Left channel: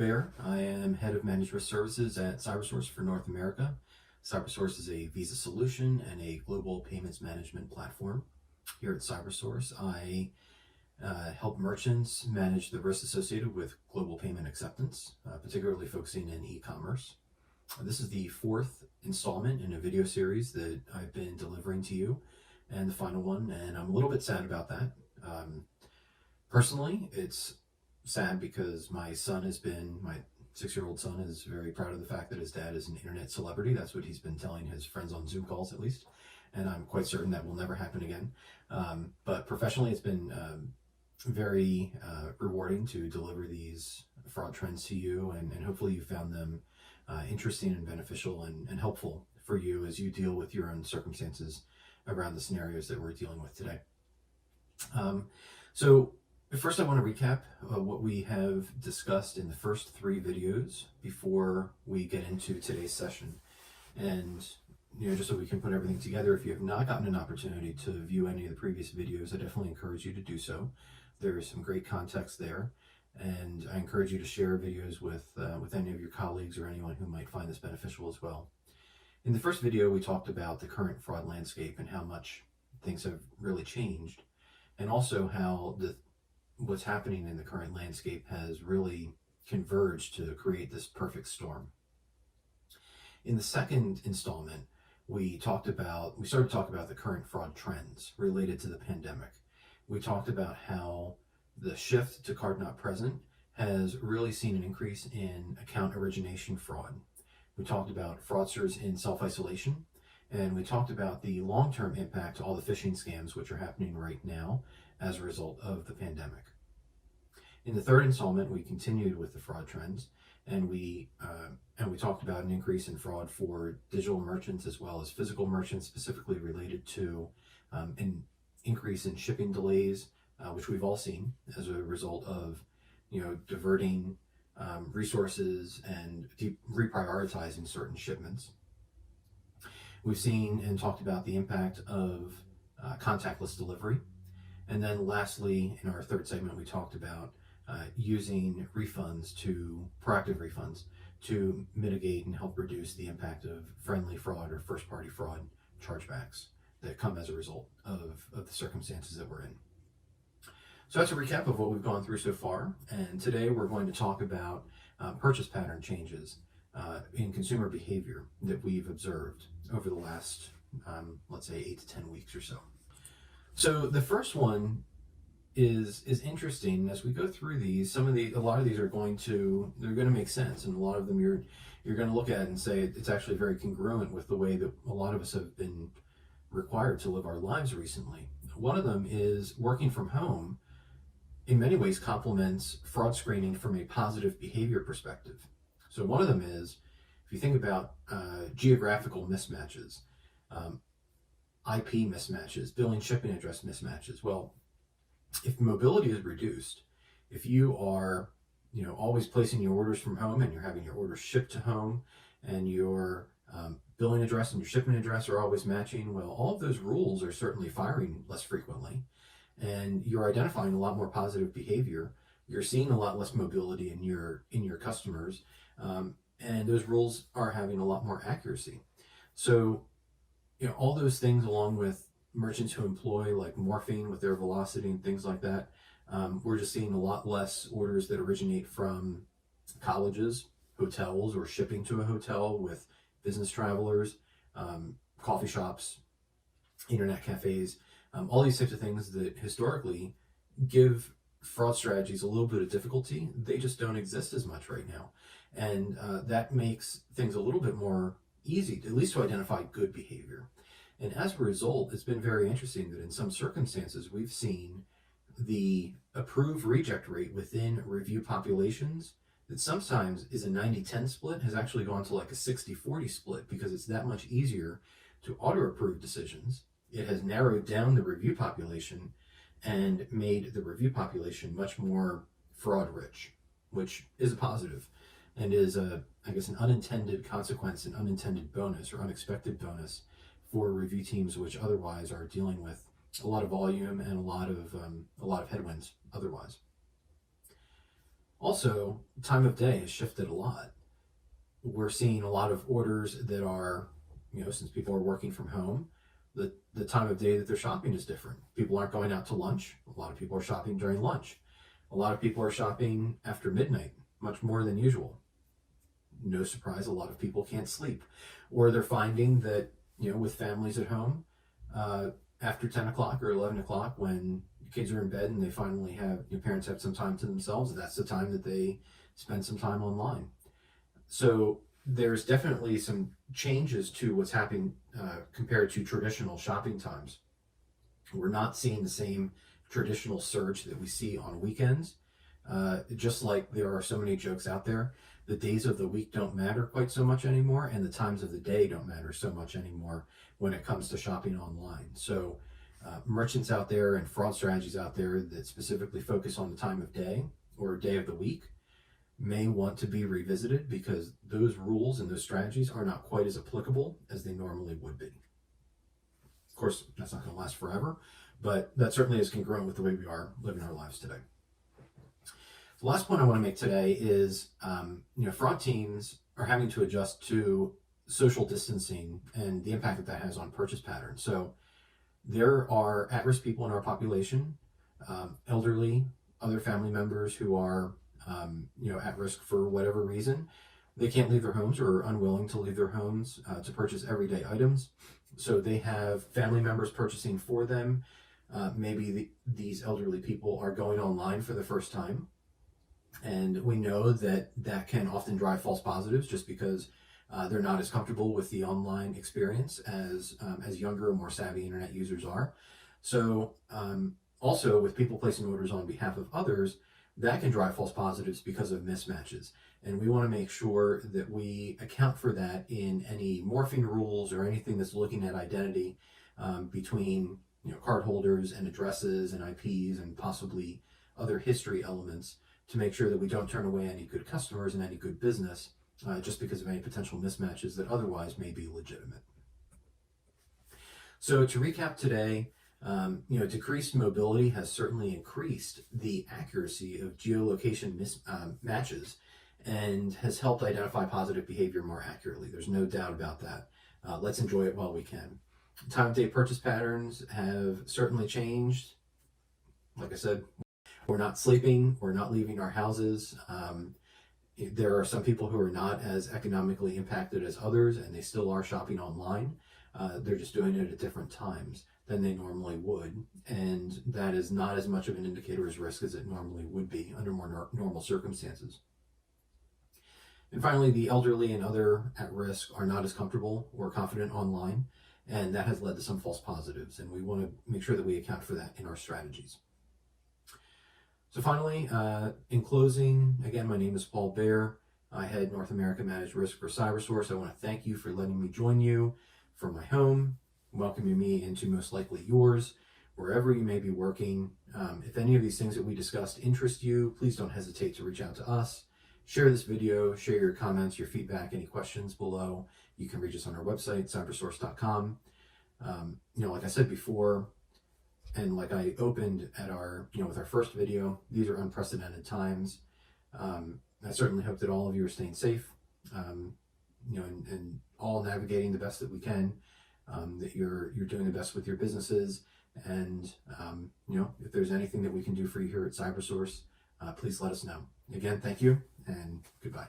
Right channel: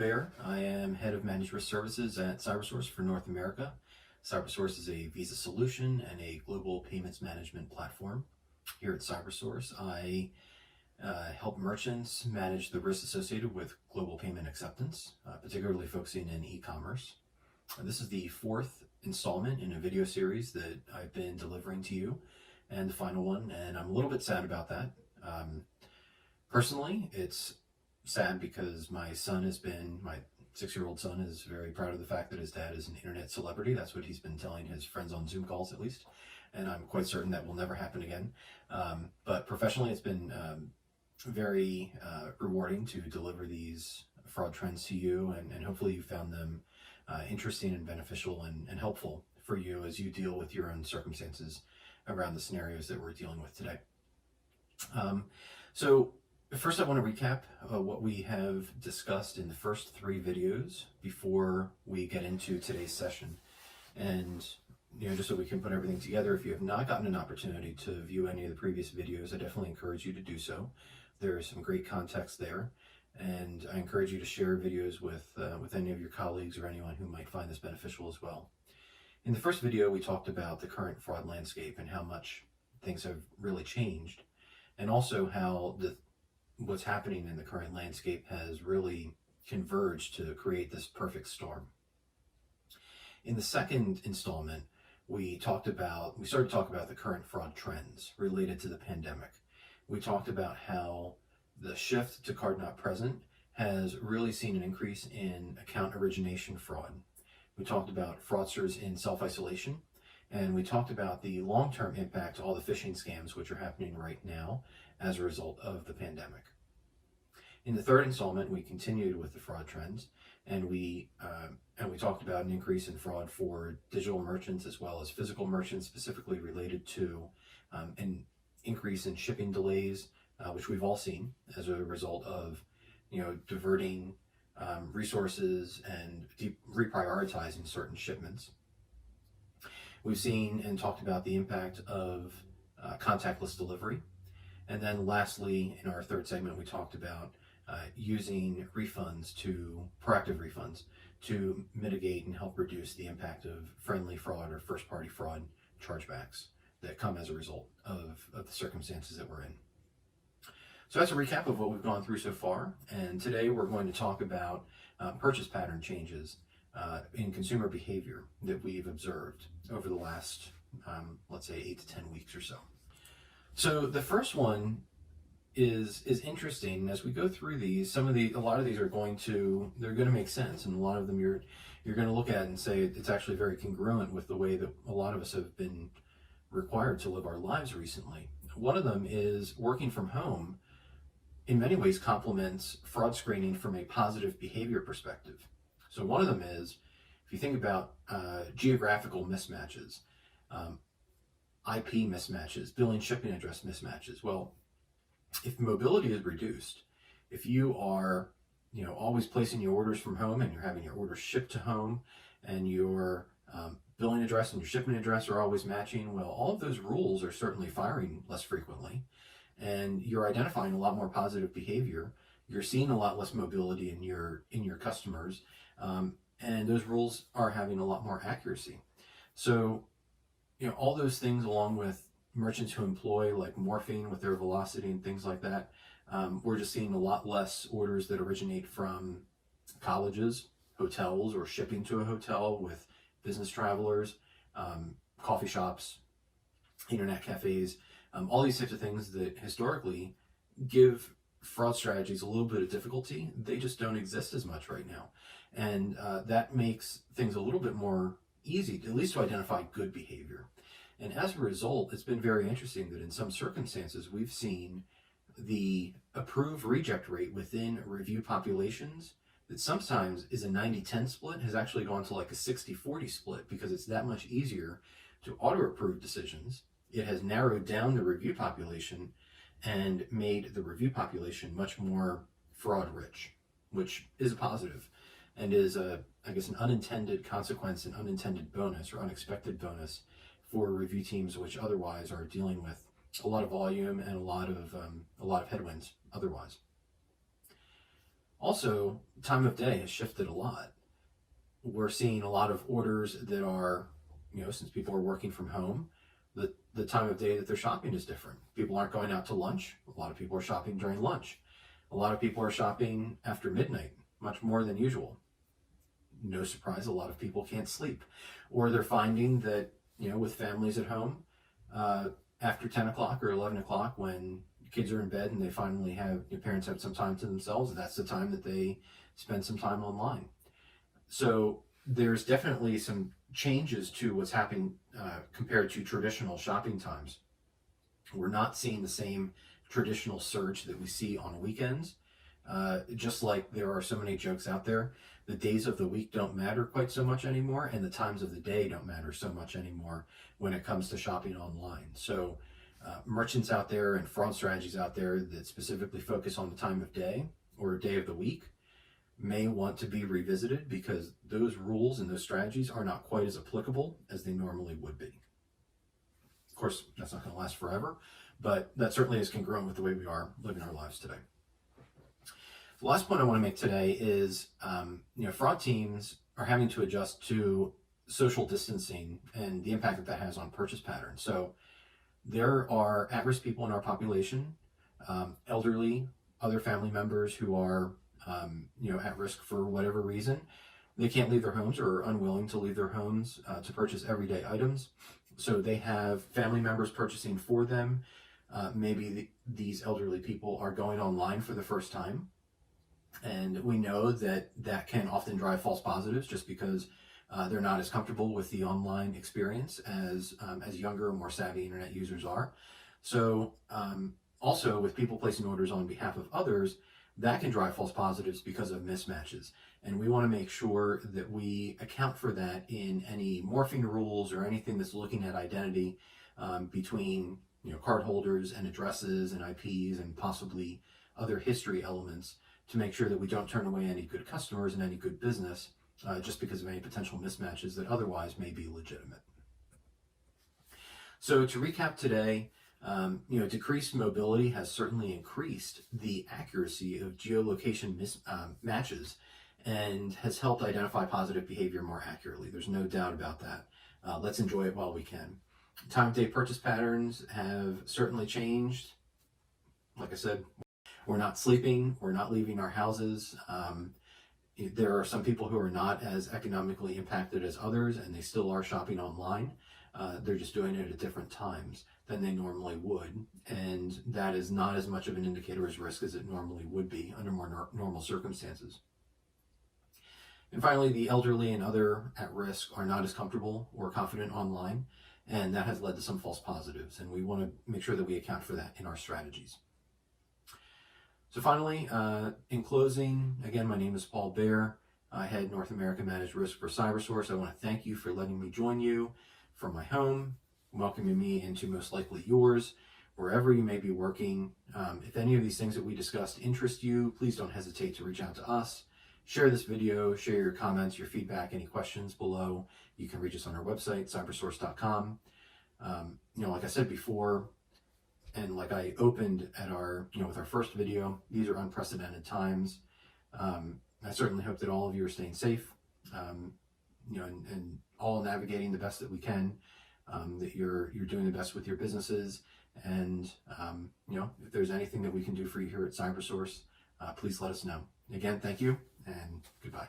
Bear. I am head of managed risk services at CyberSource for North America. CyberSource is a visa solution and a global payments management platform. Here at CyberSource, I help merchants manage the risks associated with global payment acceptance, particularly focusing in e-commerce. This is the fourth installment in a video series that I've been delivering to you, and the final one, and I'm a little bit sad about that. Personally, it's sad because my 6-year-old son is very proud of the fact that his dad is an internet celebrity. That's what he's been telling his friends on Zoom calls, at least. And I'm quite certain that will never happen again. But professionally, it's been very rewarding to deliver these fraud trends to you. And hopefully you found them interesting and beneficial and helpful for you as you deal with your own circumstances around the scenarios that we're dealing with today. So first, I want to recap what we have discussed in the first 3 videos before we get into today's session. And, just so we can put everything together, if you have not gotten an opportunity to view any of the previous videos, I definitely encourage you to do so. There's some great context there, and I encourage you to share videos with any of your colleagues or anyone who might find this beneficial as well. In the first video, we talked about the current fraud landscape and how much things have really changed, and also how what's happening in the current landscape has really converged to create this perfect storm. In the second installment, we started to talk about the current fraud trends related to the pandemic. We talked about how the shift to card not present has really seen an increase in account origination fraud. We talked about fraudsters in self-isolation, and we talked about the long-term impact to all the phishing scams which are happening right now as a result of the pandemic. In the third installment, we continued with the fraud trends, and we talked about an increase in fraud for digital merchants as well as physical merchants, specifically related to an increase in shipping delays, which we've all seen as a result of diverting resources and reprioritizing certain shipments. We've seen and talked about the impact of contactless delivery. And then lastly, in our third segment, we talked about using proactive refunds to mitigate and help reduce the impact of friendly fraud or first-party fraud chargebacks that come as a result of the circumstances that we're in. So that's a recap of what we've gone through so far. And today we're going to talk about purchase pattern changes in consumer behavior that we've observed over the last, let's say, 8 to 10 weeks or so. So the first one is interesting. As we go through these, a lot of these are going to make sense, and a lot of them you're going to look at and say it's actually very congruent with the way that a lot of us have been required to live our lives recently. One of them is working from home in many ways complements fraud screening from a positive behavior perspective. So one of them is, if you think about geographical mismatches, IP mismatches, billing shipping address mismatches. Well, if mobility is reduced, if you are always placing your orders from home and you're having your orders shipped to home, and your billing address and your shipping address are always matching, well, all of those rules are certainly firing less frequently, and you're identifying a lot more positive behavior. You're seeing a lot less mobility in your customers, and those rules are having a lot more accuracy. So all those things, along with merchants who employ like morphine with their velocity and things like that, we're just seeing a lot less orders that originate from colleges, hotels, or shipping to a hotel with business travelers, coffee shops, internet cafes, all these types of things that historically give fraud strategies a little bit of difficulty. They just don't exist as much right now. And that makes things a little bit more easy, at least to identify good behavior. And as a result, it's been very interesting that in some circumstances, we've seen the approved reject rate within review populations that sometimes is a 90-10 split has actually gone to like a 60-40 split, because it's that much easier to auto-approve decisions. It has narrowed down the review population and made the review population much more fraud rich, which is a positive and is an unintended consequence, an unintended bonus or unexpected bonus for review teams which otherwise are dealing with a lot of volume and a lot of headwinds otherwise. Also, time of day has shifted a lot. We're seeing a lot of orders that are, since people are working from home, the time of day that they're shopping is different. People aren't going out to lunch. A lot of people are shopping during lunch. A lot of people are shopping after midnight, much more than usual. No surprise, a lot of people can't sleep. Or they're finding that, with families at home, after 10 o'clock or 11 o'clock, when kids are in bed and they finally have, your parents have some time to themselves, that's the time that they spend some time online. So there's definitely some changes to what's happening compared to traditional shopping times. We're not seeing the same traditional surge that we see on weekends. Just like there are so many jokes out there, the days of the week don't matter quite so much anymore, and the times of the day don't matter so much anymore when it comes to shopping online. So merchants out there and fraud strategies out there that specifically focus on the time of day or day of the week may want to be revisited, because those rules and those strategies are not quite as applicable as they normally would be. Of course, that's not going to last forever, but that certainly is congruent with the way we are living our lives today. The last point I want to make today is, fraud teams are having to adjust to social distancing and the impact that has on purchase patterns. So there are at-risk people in our population, elderly, other family members who are at risk for whatever reason. They can't leave their homes or are unwilling to leave their homes to purchase everyday items. So they have family members purchasing for them. Maybe these elderly people are going online for the first time. And we know that that can often drive false positives just because they're not as comfortable with the online experience as younger, more savvy internet users are. So also with people placing orders on behalf of others, that can drive false positives because of mismatches. And we want to make sure that we account for that in any morphing rules or anything that's looking at identity between card holders and addresses and IPs and possibly other history elements, to make sure that we don't turn away any good customers and any good business just because of any potential mismatches that otherwise may be legitimate. So to recap today, decreased mobility has certainly increased the accuracy of geolocation matches and has helped identify positive behavior more accurately. There's no doubt about that. Let's enjoy it while we can. Time of day purchase patterns have certainly changed. Like I said, we're not sleeping, we're not leaving our houses. There are some people who are not as economically impacted as others, and they still are shopping online. They're just doing it at different times than they normally would, and that is not as much of an indicator as risk as it normally would be under more normal circumstances. And finally, the elderly and other at risk are not as comfortable or confident online, and that has led to some false positives, and we want to make sure that we account for that in our strategies. So finally, in closing, again, my name is Paul Baer. I head North America Managed Risk for CyberSource. I want to thank you for letting me join you from my home, welcoming me into most likely yours, wherever you may be working. If any of these things that we discussed interest you, please don't hesitate to reach out to us. Share this video, share your comments, your feedback, any questions below. You can reach us on our website, cybersource.com. Like I said before, and like I opened at our, with our first video, these are unprecedented times. I certainly hope that all of you are staying safe, and all navigating the best that we can, that you're doing the best with your businesses. And, if there's anything that we can do for you here at CyberSource, please let us know. Again, thank you and goodbye.